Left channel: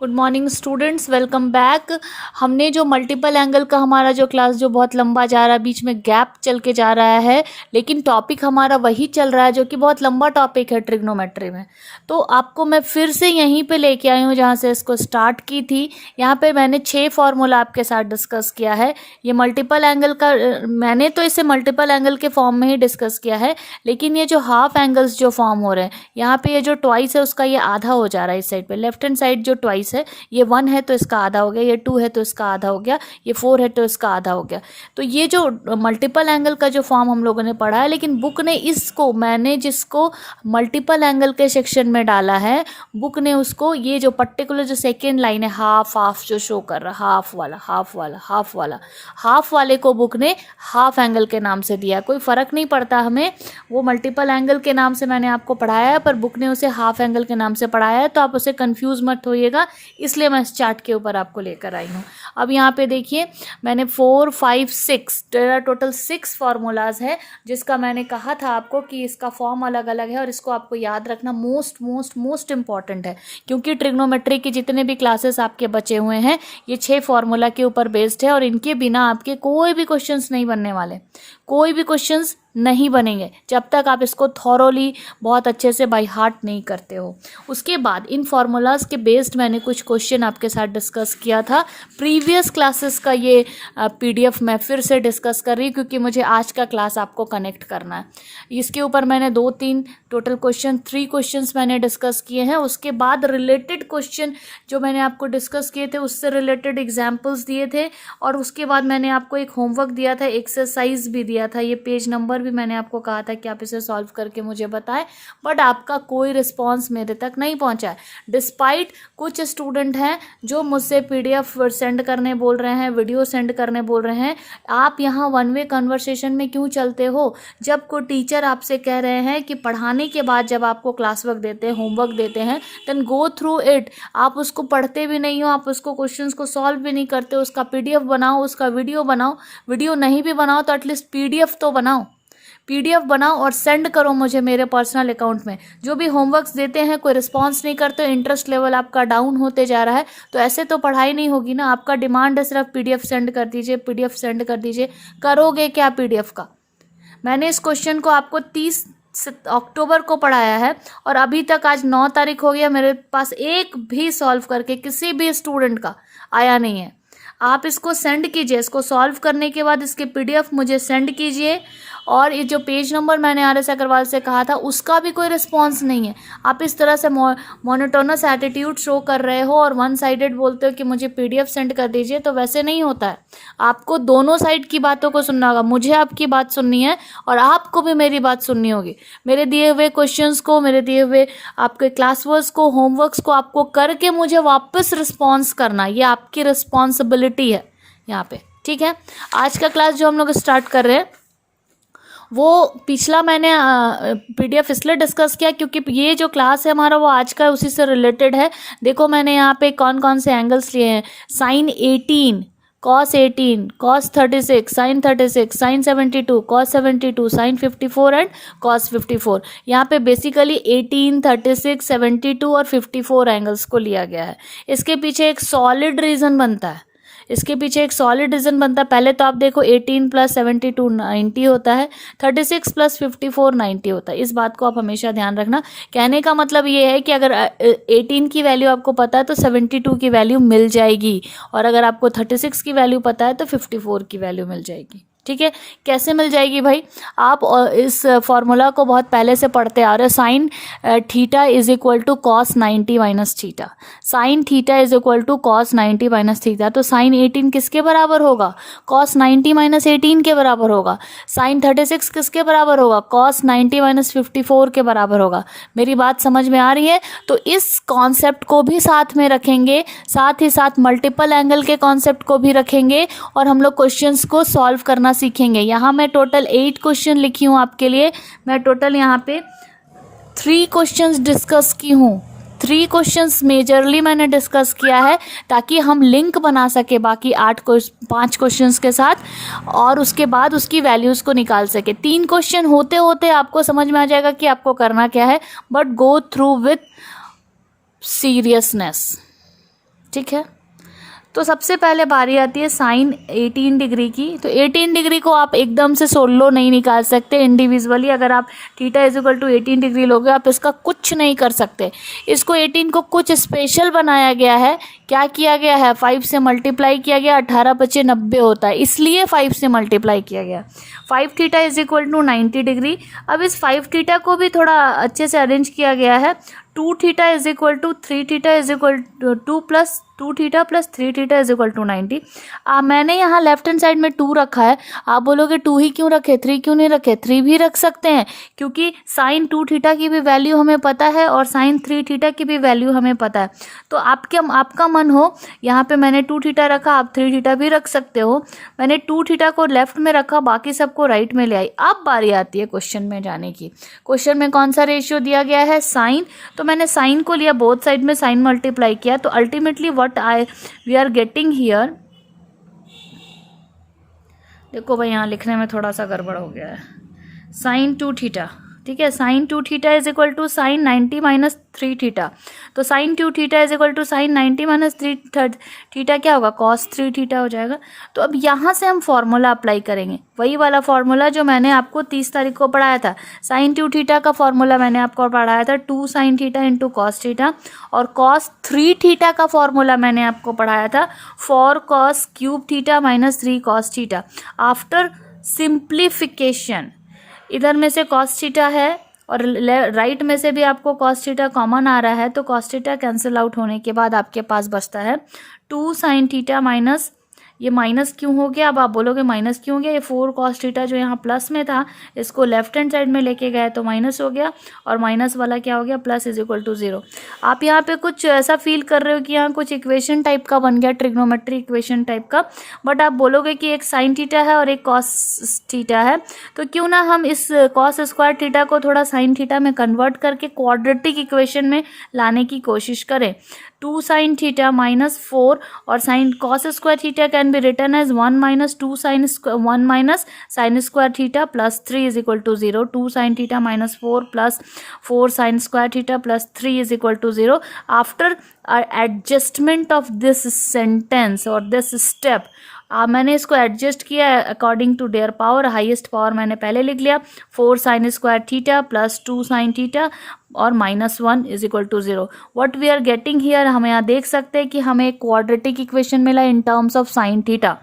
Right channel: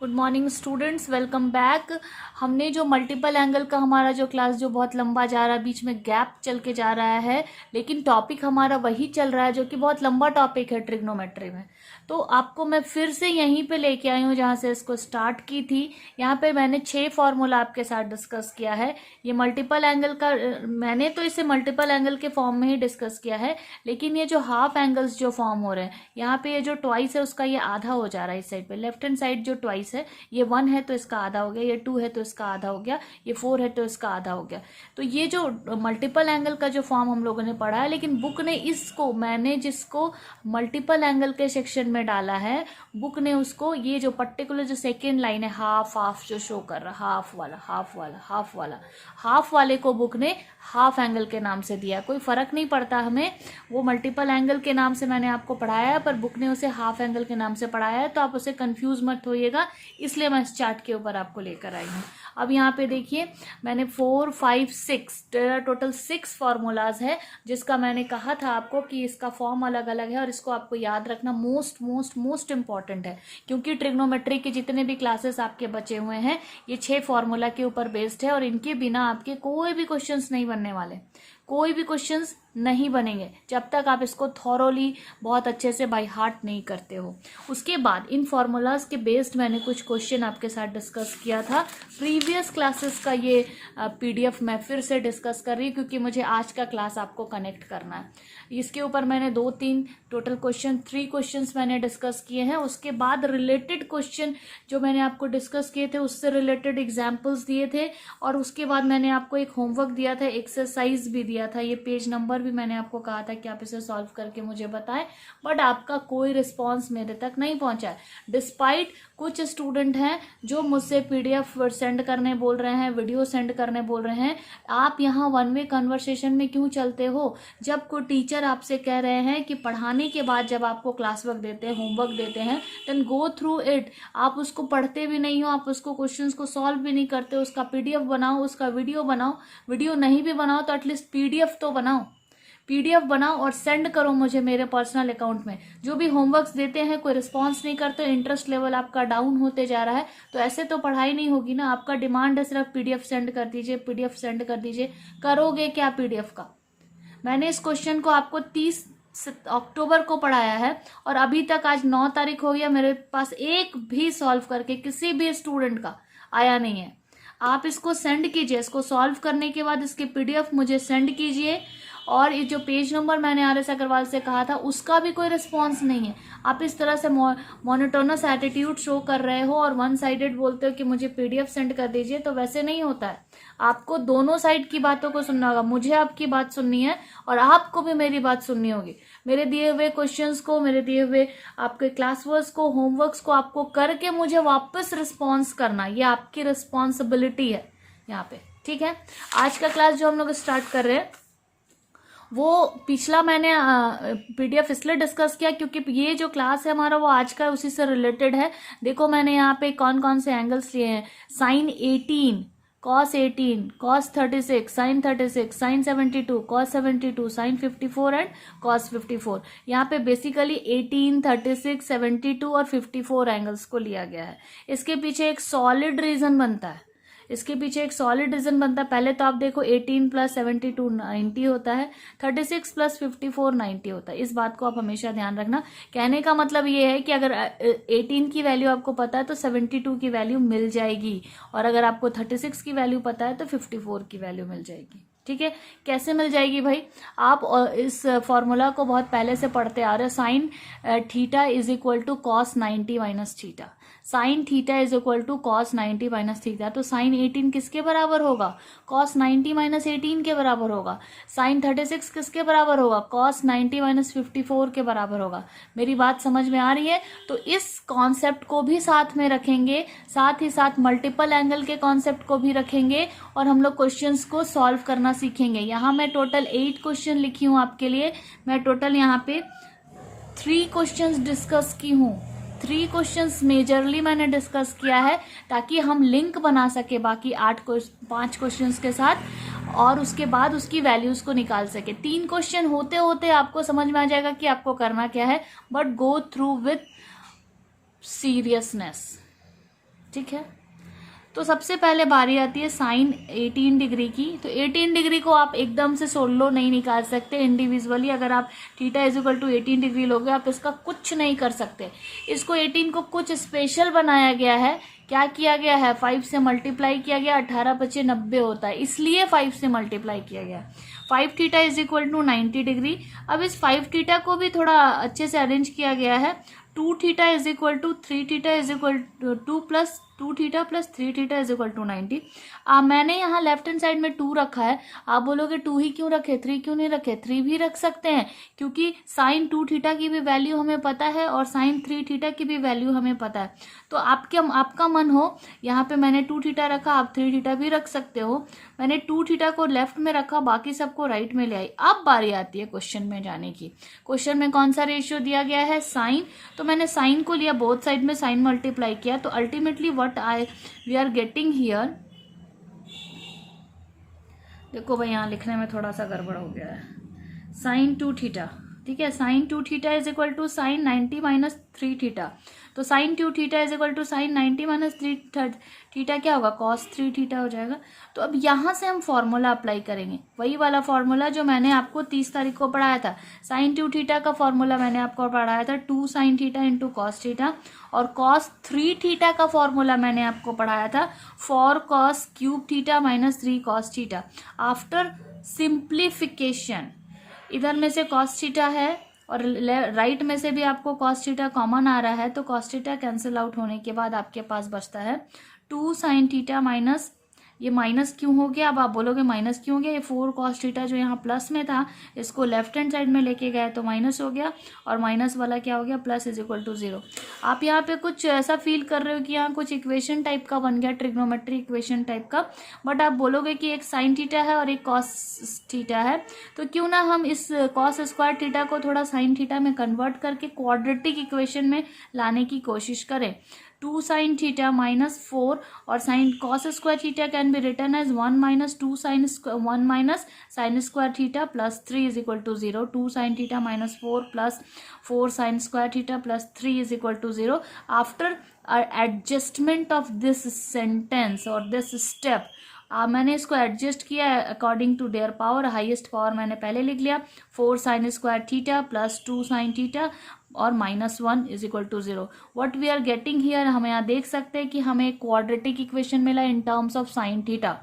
Good morning students, welcome back. हमने जो multiple angle का हमारा जो क्लास जो बहुत लंबा जा रहा है, बीच में गैप चल के जा रहा है, लेकिन टॉपिक हमारा वही चल रहा है जो कि बहुत लंबा टॉपिक है ट्रिग्नोमेट्री में। तो आपको मैं फिर से यहीं पे लेके आई हूँ जहाँ से इसको स्टार्ट की थी। यहाँ पे मैंने 6 फार्मूला आपके साथ डिस्कस किया है। ये मल्टीपल एंगल का मैंने तो इसे मल्टीपल एंगल के फॉर्म में ही डिस्कस किया है, लेकिन ये जो हाफ एंगल्स जो फॉर्म हो रहे हैं यहाँ पे, ये जो ट्वाइस है उसका ये आधा हो जा रहा है। इस साइड पे लेफ्ट हैंड साइड जो ट्वाइस है, ये 1 है तो इसका आधा हो गया, ये 2 है तो इसका आधा हो गया, ये 4 है तो इसका आधा हो गया। तो ये जो मल्टीपल एंगल का जो फॉर्म हम लोगों ने पढ़ा है, लेकिन बुक ने इसको, मैंने जिसको मल्टीपल एंगल के सेक्शन में डाला है, बुक ने उसको ये जो पर्टिकुलर जो सेकेंड लाइन है हाफ हाफ जो शो कर रहा है, हाफ वाला हाफ वाला हाफ वाला, हाफ वाले को बुक ने हाफ एंगल के नाम से दिया। कोई फ़र्क नहीं पड़ता हमें, वो मल्टीपल एंगल के नाम से मैंने आपको पढ़ाया है, पर बुक ने उसे हाफ एंगल के नाम से पढ़ाया है, तो आप उसे कंफ्यूज मत होइएगा, इसलिए मैं इस चार्ट के ऊपर आपको लेकर आई हूँ। अब यहाँ पे देखिए, मैंने 4, 5, 6 टोटल 6 फार्मूलाज है, जिसका मैंने कहा था आपको कि इसका फॉर्म अलग अलग है और इसको आपको याद रखना मोस्ट मोस्ट मोस्ट इंपॉर्टेंट है, क्योंकि ट्रिग्नोमेट्री के जितने भी क्लासेस आपके बचे हुए हैं ये 6 फार्मूला के ऊपर बेस्ड है, और इनके बिना आपके कोई भी क्वेश्चंस नहीं बनने वाले, कोई भी क्वेश्चंस नहीं बनेंगे जब तक आप इसको थॉरोली बहुत अच्छे से बाय हार्ट नहीं करते हो। उसके बाद इन फार्मूलाज के बेस्ड मैंने कुछ क्वेश्चन आपके साथ डिस्कस किया था। प्रीवियस क्लासेस का ये पीडीएफ मैं फिर से डिस्कस कर रही हूँ, क्योंकि मुझे आज का क्लास आपको कनेक्ट करना है। इसके ऊपर मैंने 2-3 टोटल क्वेश्चन 3 क्वेश्चंस मैंने डिस्कस किए हैं। उसके बाद रिलेटेड क्वेश्चन जो मैंने आपको डिस्कस किए थे उससे रिलेटेड एग्जाम्पल्स दिए थे, और उसके बाद मैंने आपको एक होमवर्क दिया था, एक्सरसाइज भी दिया था। ये पेज नंबर भी मैंने आपको कहा था कि आप इसे सॉल्व करके मुझे बताएं, बट आपका कोई रिस्पांस मेरे तक नहीं पहुंचा है। डिस्पाइट कुछ स्टूडेंट हैं जो मुझसे पीडीएफ सेंड करने बोल रहे हैं, वीडियो सेंड करने बोल रहे हैं। आप यहाँ वन वे कन्वर्सेशन में क्यों चलते हो? जब कोई टीचर आपसे कह रहे हैं कि पढ़ाने के बाद जब आपको क्लास वर्क देते हैं, होमवर्क देते हैं, देन गो थ्रू इट। आप उसको पढ़ते भी नहीं हो, आप उसको क्वेश्चंस को सॉल्व भी नहीं करते हो। उसका पीडीएफ बनाओ, उसका वीडियो बनाओ, वीडियो नहीं भी बनाओ तो एटलीस्ट पीडीएफ तो बनाओ, पीडीएफ बनाओ और सेंड करो मुझे मेरे पर्सनल अकाउंट में। जो भी होमवर्क्स देते हैं कोई रिस्पांस नहीं करते, इंटरेस्ट लेवल आपका डाउन होते जा रहा है, तो ऐसे तो पढ़ाई नहीं होगी ना। आपका डिमांड है सिर्फ पीडीएफ सेंड कर दीजिए, पीडीएफ सेंड कर दीजिए। करोगे क्या पीडीएफ का? मैंने इस क्वेश्चन को आपको 30 अक्टूबर को पढ़ाया है, और अभी तक आज 9 तारीख हो गया, मेरे पास एक भी सॉल्व करके किसी भी स्टूडेंट का आया नहीं है। आप इसको सेंड कीजिए, इसको सॉल्व करने के बाद इसके पीडीएफ मुझे सेंड कीजिए। और ये जो पेज नंबर मैंने आर.एस. अग्रवाल से कहा था उसका भी कोई रिस्पांस नहीं है। आप इस तरह से मोनोटोनस एटीट्यूड शो कर रहे हो और वन साइडेड बोलते हो कि मुझे पीडीएफ सेंड कर दीजिए, तो वैसे नहीं होता है। आपको दोनों साइड की बातों को सुनना होगा। मुझे आपकी बात सुननी है और आपको भी मेरी बात सुननी होगी। मेरे दिए हुए क्वेश्चंस को, मेरे दिए हुए आपके क्लास वर्क को, होमवर्क्स को आपको करके मुझे वापस रिस्पॉन्स करना, ये आपकी रिस्पॉन्सिबिलिटी है यहाँ पे, ठीक है। आज का क्लास जो हम लोग स्टार्ट कर रहे हैं, वो पिछला मैंने पीडीएफ इसलिए डिस्कस किया क्योंकि ये जो क्लास है हमारा वो आज का उसी से रिलेटेड है। देखो मैंने यहाँ पे कौन कौन से एंगल्स लिए हैं। Sine 18, cos 18, cos 36, sin 36, sin 72, cos 72, sin 54 and cos 54। यहाँ पे बेसिकली 18, 36, 72 और 54 एंगल्स को लिया गया है। इसके पीछे एक सॉलिड रीज़न बनता है, इसके पीछे एक सॉलिड रीज़न बनता है। पहले तो आप देखो 18 + 72 90 होता है, 36 + 54 90 होता है। इस बात को आप हमेशा ध्यान रखना। कहने का मतलब ये है कि अगर 18 की वैल्यू आपको पता है तो 72 की वैल्यू मिल जाएगी, और अगर आपको 36 की वैल्यू पता है तो 54 की वैल्यू मिल जाएगी, ठीक है। कैसे मिल जाएगी भाई? आप इस फॉर्मूला को बहुत पहले से पढ़ते आ रहे हो। Sine theta is equal to cos 90 minus theta, sine theta is equal to cos 90 minus theta. तो साइन 18 किसके बराबर होगा? कॉस 90 माइनस 18 के बराबर होगा। साइन 36 किसके बराबर होगा? कॉस 90 माइनस 54 के बराबर होगा। मेरी बात समझ में आ रही है? तो इस कॉन्सेप्ट को भी साथ में रखेंगे, साथ ही साथ मल्टीपल एंगल के कॉन्सेप्ट को भी रखेंगे, और हम लोग क्वेश्चंस को सॉल्व करना सीखेंगे। यहाँ मैं टोटल 8 क्वेश्चन लिखी हूँ आपके लिए। मैं टोटल यहाँ पे 3 क्वेश्चंस डिस्कस की हूँ। 3 क्वेश्चंस मेजरली मैंने डिस्कस किया है, ताकि हम लिंक बना सके बाकी 5 क्वेश्चंस के साथ, और उसके बाद उसकी वैल्यूज़ को निकाल सके। 3 क्वेश्चन होते होते आपको समझ में आ जाएगा कि आपको करना क्या है, but go through with seriousness. ठीक है। तो सबसे पहले बारी आती है साइन 18 डिग्री की। तो 18 डिग्री को आप एकदम से सोलो नहीं निकाल सकते इंडिविजुअली। अगर आप theta is equal to 18 degree लोगे आप इसका कुछ नहीं कर सकते। इसको 18 को कुछ स्पेशल बनाया गया है। क्या किया गया है, 5 से मल्टीप्लाई किया गया, 18 पचे 90 होता है, इसलिए 5 से मल्टीप्लाई किया गया। 5 theta is equal to 90 degree. अब इस 5 थीटा को भी थोड़ा अच्छे से अरेंज किया गया है। 2 theta is equal to 3 theta is equal to 2 plus 2 theta plus 3 theta is equal to 90। मैंने यहाँ लेफ्ट हैंड साइड में 2 रखा है। आप बोलोगे 2 ही क्यों रखे, 3 क्यों नहीं रखे? 3 भी रख सकते हैं, क्योंकि साइन 2 थीटा की भी वैल्यू हमें पता है और साइन 3 थीटा की भी वैल्यू हमें पता है। तो आपका मन हो, यहाँ पे मैंने 2 थीटा रखा, आप 3 थीटा भी रख सकते हो। मैंने 2 थीटा को लेफ्ट में रखा, बाकी सबको राइट में ले आई। अब बारी आती है क्वेश्चन में जाने की। क्वेश्चन में कौन सा रेशियो दिया गया है, साइन। तो मैंने साइन को लिया, बोथ साइड में साइन मल्टीप्लाई किया। तो ultimately we are getting here, देखो भाई यहाँ लिखने में थोड़ा सा गड़बड़ हो गया है, साइन 2 थीटा, ठीक है। Sine 2 theta is equal to sine 90 minus 3 theta. तो sine 2 theta is equal to sine 90 minus 3 theta क्या होगा, कॉस 3 थीटा हो जाएगा। तो अब यहाँ से हम फॉर्मूला अप्लाई करेंगे, वही वाला फॉर्मूला जो मैंने आपको 30 तारीख को पढ़ाया था। साइन 2 थीटा का फॉर्मूला मैंने आपको पढ़ाया था 2 sine theta into cos theta, और कॉस 3 थीटा का फॉर्मूला मैंने आपको पढ़ाया था 4 cos cube theta minus 3 cos theta. After simplification इधर में से कॉस थीटा है और राइट में से भी आपको कॉस थीटा कॉमन आ रहा है, तो कॉस थीटा कैंसिल आउट होने के बाद आपके पास बचता है 2 साइन थीटा माइनस, ये माइनस क्यों हो गया, अब आप बोलोगे माइनस क्यों हो गया, ये 4 कॉस थीटा जो यहाँ प्लस में था इसको लेफ्ट हैंड साइड में लेके गए तो माइनस हो गया, और माइनस वाला क्या हो गया, प्लस इज इक्वल टू 0। आप यहाँ पे कुछ ऐसा फील कर रहे हो कि यहाँ कुछ इक्वेशन टाइप का बन गया, ट्रिग्नोमेट्री इक्वेशन टाइप का, बट आप बोलोगे कि एक साइन थीटा है और एक कॉस थीटा है, तो क्यों ना हम इस कॉस स्क्वायर थीटा को थोड़ा साइन थीटा में कन्वर्ट करके क्वाड्रेटिक इक्वेशन में लाने की कोशिश करें। 2 साइन थीटा माइनस 4 और sine cos square theta can be written as 1 minus 2 sine 1 minus sine square theta plus 3 is equal to 0। 2 sine theta minus 4 plus 4 sine square theta plus 3 is equal to 0। After adjustment of this sentence और this step मैंने इसको adjust किया according to their power. Highest power मैंने पहले लिख लिया 4 sine square theta plus 2 sine theta और -1 is equal to 0। What we are getting here, हम यहाँ देख सकते हैं कि हमें एक क्वाड्रेटिक इक्वेशन मिला in terms of sine theta.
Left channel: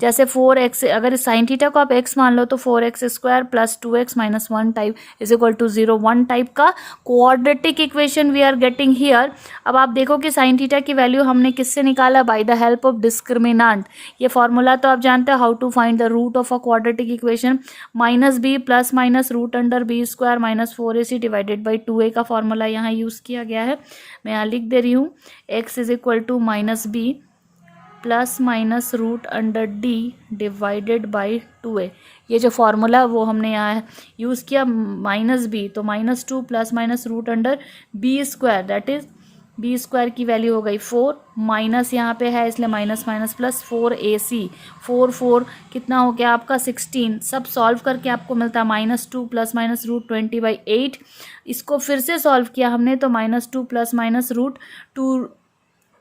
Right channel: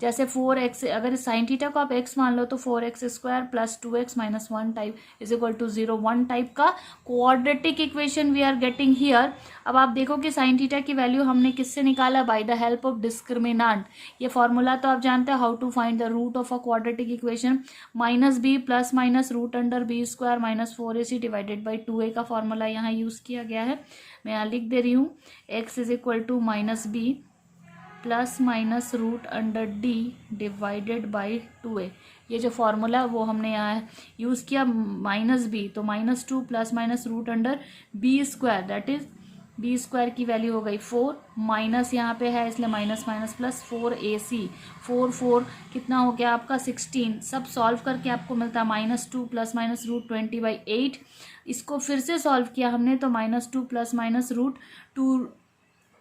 जैसे 4x, अगर साइन थीटा को आप x मान लो तो 4x square plus 2x minus 1 type is equal to 0, 1 type का quadratic equation we are getting here. अब आप देखो कि साइन थीटा की वैल्यू हमने किससे निकाला, by the help of discriminant. ये फॉर्मूला तो आप जानते हो, how to find the root of a quadratic equation, minus B plus minus root under B square minus 4ac divided by 2a का फॉर्मूला यहाँ यूज़ किया गया है। मैं यहाँ लिख दे रही हूँ, x is equal to minus B plus minus root under D divided by 2a। ये जो फॉर्मूला वो हमने यहाँ यूज़ किया, माइनस बी तो -2 plus minus root under B square, that is B square की वैल्यू हो गई 4, माइनस यहाँ पे है इसलिए माइनस माइनस प्लस 4ac, 4 कितना हो गया आपका 16। सब सॉल्व करके आपको मिलता है -2 प्लस माइनस रूट 20/8। इसको फिर से सॉल्व किया हमने तो -2 plus minus root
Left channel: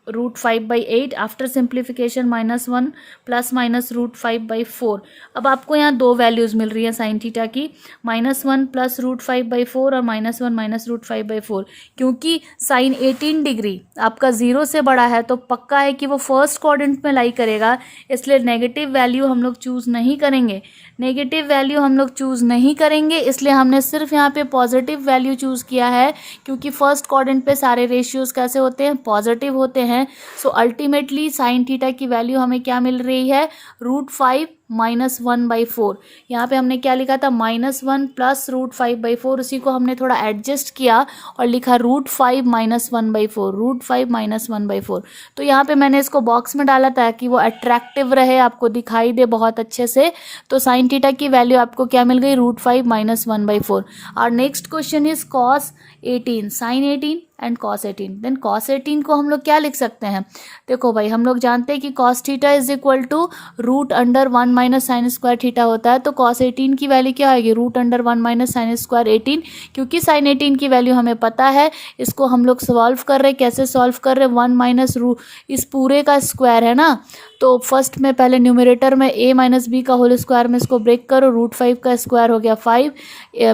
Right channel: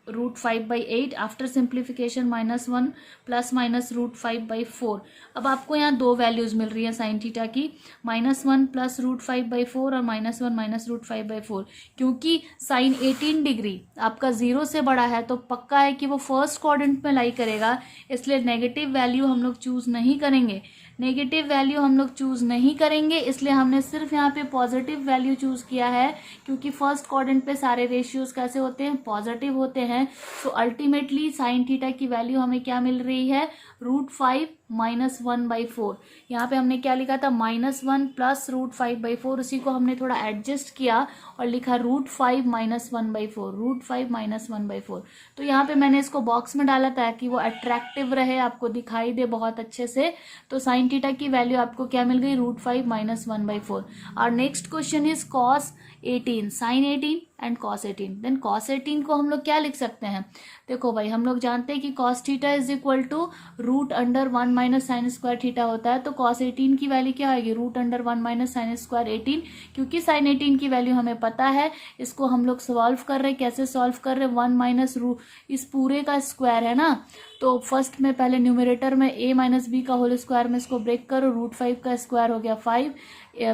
5/8। After simplification -1 plus minus root 5/4। अब आपको यहाँ दो वैल्यूज़ मिल रही है साइन थीटा की, -1 प्लस रूट 5/4 और -1 माइनस रूट 5/4। क्योंकि साइन 18 डिग्री आपका 0 से बड़ा है तो पक्का है कि वो फर्स्ट क्वाड्रेंट में लाई करेगा, इसलिए नेगेटिव वैल्यू हम लोग चूज़ नहीं करेंगे। नेगेटिव वैल्यू हम लोग चूज़ नहीं करेंगे, इसलिए हमने सिर्फ यहाँ पे पॉजिटिव वैल्यू चूज़ किया है, क्योंकि फर्स्ट क्वाड्रेंट पे सारे रेशियोज़ कैसे होते हैं, पॉजिटिव होते हैं। सो अल्टीमेटली साइन थीटा की वैल्यू हमें क्या मिल रही है, √5 -1/4। यहाँ पे हमने क्या लिखा था, -1 प्लस √5/4, उसी को हमने थोड़ा एडजस्ट किया और लिखा √5 -1/4, √5 -1/4। तो यहाँ पे मैंने इसको बॉक्स में डाला ताकि वो अट्रैक्टिव रहे, आपको दिखाई दे बहुत अच्छे से। तो साइन थीटा की वैल्यू आपको क्या मिल गई, √5 -1/4। और next question is cos 18, sine 18 and cos 18। Then cos 18 को हम लोग क्या लिख सकते हैं, देखो भाई हम लोग जानते हैं कि cos theta is equal to root under 1 minus sine square theta होता है। तो cos 18 की वैल्यू क्या आएगी, root under 1 minus sine square 18। क्योंकि साइन 18 की वैल्यू हमें पता है, इसको हम लोग सॉल्व कर रहे हैं। कैसे सॉल्व कर रहे हैं, 1 माइनस रूट इस पूरे का स्क्वायर है ना, तो फर्स्ट में पहले न्यूमरेटर में a माइनस बी का होल स्क्वायर में इसको ब्रेक करो, रूट 5 का स्क्वायर हो गया 5,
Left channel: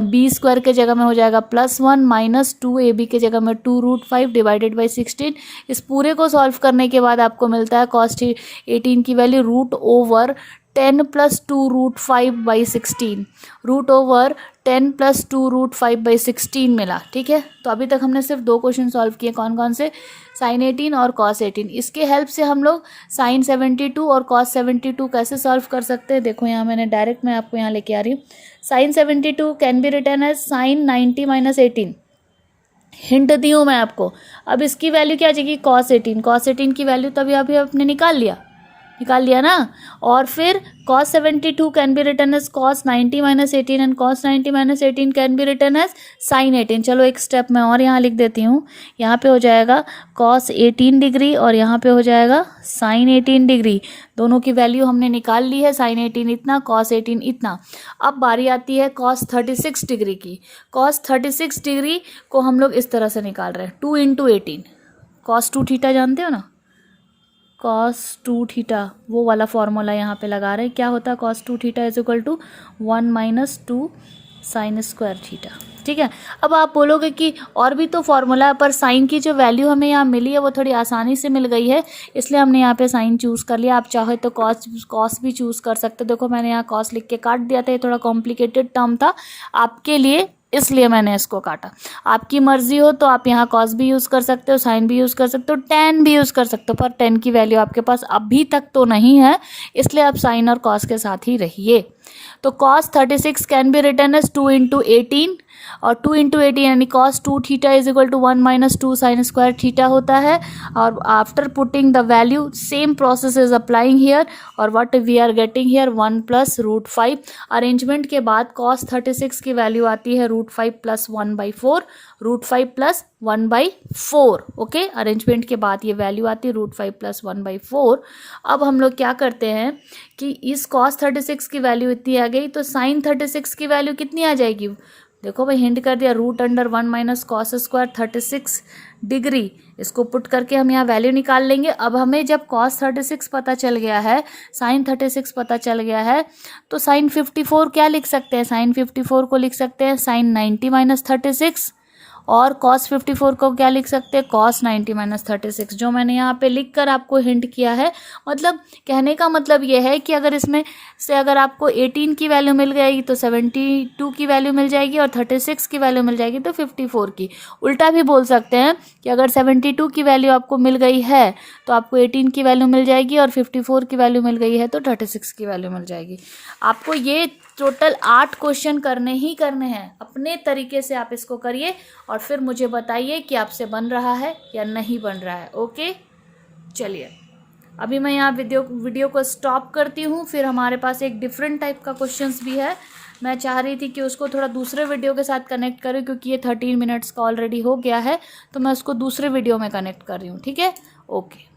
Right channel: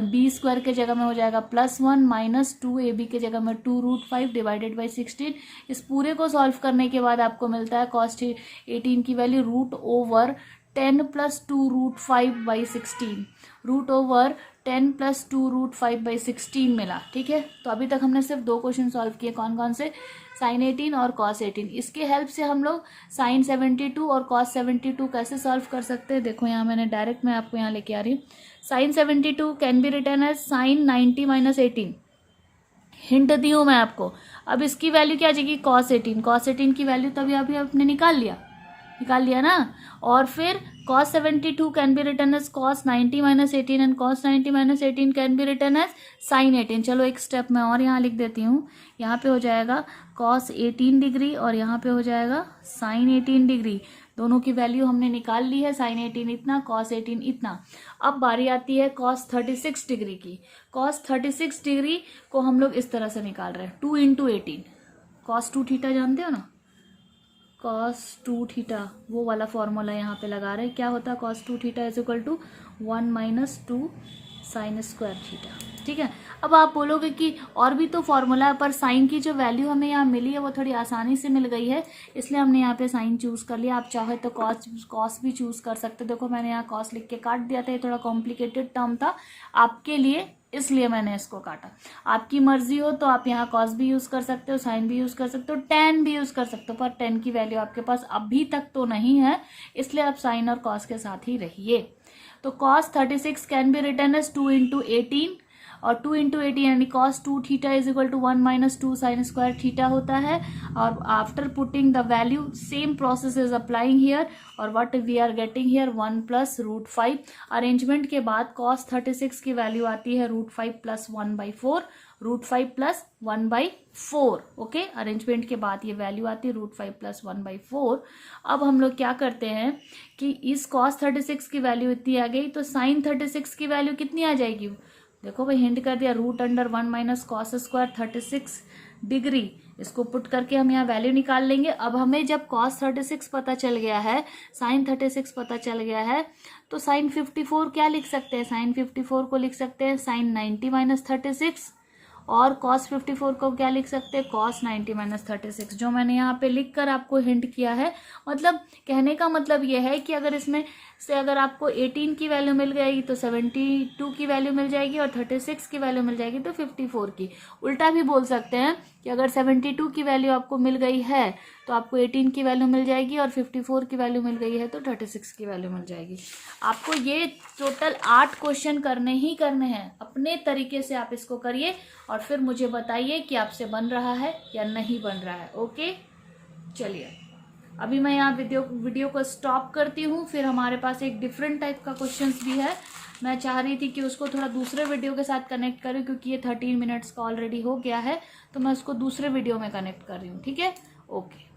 बी स्क्वायर के जगह में हो जाएगा +1 माइनस 2ab के जगह में 2 रूट 5 डिवाइडेड बाई 16। इस पूरे को सॉल्व करने के बाद आपको मिलता है cos 18 की value root over 10 plus 2 root 5 by 16, root over 10 plus 2 root 5 by 16 मिला। ठीक है, तो अभी तक हमने सिर्फ 2 क्वेश्चन सॉल्व किए, कौन कौन से, साइन 18 और cos 18। इसके हेल्प से हम लोग साइन 72 और cos 72 कैसे सॉल्व कर सकते हैं, देखो यहाँ मैंने डायरेक्ट मैं आपको यहाँ लेके आ रही हूँ। Sine 72 can be written as sine 90 minus 18, hint दी हूँ मैं आपको। अब इसकी वैल्यू क्या आ जाएगी, cos 18, cos 18 की वैल्यू तभी अभी आपने निकाल लिया ना। और फिर cos 72 can be written as cos 90 minus 18 and cos 90 minus 18 can be written as sin 18। चलो एक स्टेप मैं और यहाँ लिख देती हूँ, यहाँ पे हो जाएगा cos 18 डिग्री और यहाँ पे हो जाएगा sin 18 डिग्री। दोनों की वैल्यू हमने निकाल ली है, sin 18 इतना, cos 18 इतना। अब बारी आती है cos 36 डिग्री की। cos 36 डिग्री को हम लोग इस तरह से निकाल रहे हैं, 2 इंटू 18, cos 2 थीटा जानते हो ना, cos 2 थीटा वो वाला फॉर्मूला यहाँ पे लगा रहे हैं। क्या होता है cos 2 theta is equal to 1 minus 2 sine square theta. ठीक है, अब आप बोलोगे कि और भी तो फॉर्मूला है, पर साइन की जो वैल्यू हमें यहाँ मिली है वो थोड़ी आसानी से मिल गई है, इसलिए हमने यहाँ पे साइन चूज़ कर लिया। आप चाहे तो कॉस भी चूज़ कर सकते हो। देखो मैंने यहाँ कॉस लिख के काट दिया था, ये थोड़ा कॉम्प्लिकेटेड टर्म था आपके लिए, इसलिए मैंने इसको काटा। आपकी मर्जी हो तो आप यहाँ कॉस भी यूज़ कर सकते हो, साइन भी यूज़ कर सकते हो, टेन भी यूज़ कर सकते हो, पर टेन की वैल्यू आपके पास अभी तक तो नहीं है, इसलिए आप साइन और कॉस के साथ ही रहिए। तो cos 36 can be written as 2 into 18, और 2 इंटू 18 यानी cos 2 theta is equal to 1 minus 2 sine square theta होता है। और after putting the value same process is applying here, और what we are getting here 1 plus root 5। Arrangement के बाद cos 36 की वैल्यू आती है root 5 plus 1/4, root 5 plus 1/4। Okay, arrangement के बाद ये वैल्यू आती है रूट 5 प्लस 1/4। अब हम लोग क्या करते हैं कि इस cos 36 की वैल्यू इतनी आ गई, तो sin 36 की वैल्यू कितनी आ जाएगी, देखो भाई हिंट कर दिया, root under 1 minus cos square 36 degree. इसको पुट करके हम यहाँ वैल्यू निकाल लेंगे। अब हमें जब cos 36 पता चल गया है, sin 36 पता चल गया है, तो sin 54 क्या लिख सकते हैं, sin 54 को लिख सकते हैं sin 90 माइनस 36, और cos 54 को क्या लिख सकते हैं, cos 90 माइनस 36, जो मैंने यहाँ पे लिख कर आपको हिंट किया है। मतलब कहने का मतलब ये है कि अगर इसमें से अगर आपको 18 की वैल्यू मिल गई तो 72 की वैल्यू मिल जाएगी, और 36 की वैल्यू मिल जाएगी तो 54 की। उल्टा भी बोल सकते हैं कि अगर 72 की वैल्यू आपको मिल गई है तो आपको 18 की वैल्यू मिल जाएगी, और 54 की वैल्यू मिल गई है तो 36 की वैल्यू मिल जाएगी। आपको ये टोटल 8 क्वेश्चन करने ही करने हैं, अपने तरीके से आप इसको करिए और फिर मुझे बताइए कि आपसे बन रहा है या नहीं बन रहा है। ओके, चलिए अभी मैं यहाँ वीडियो को स्टॉप करती हूँ। फिर हमारे पास एक डिफरेंट टाइप का क्वेश्चंस भी है, मैं चाह रही थी कि उसको थोड़ा दूसरे वीडियो के साथ कनेक्ट करूँ, क्योंकि ये 13 मिनट्स का ऑलरेडी हो गया है, तो मैं उसको दूसरे वीडियो में कनेक्ट कर रही हूँ। ठीक है, ओके।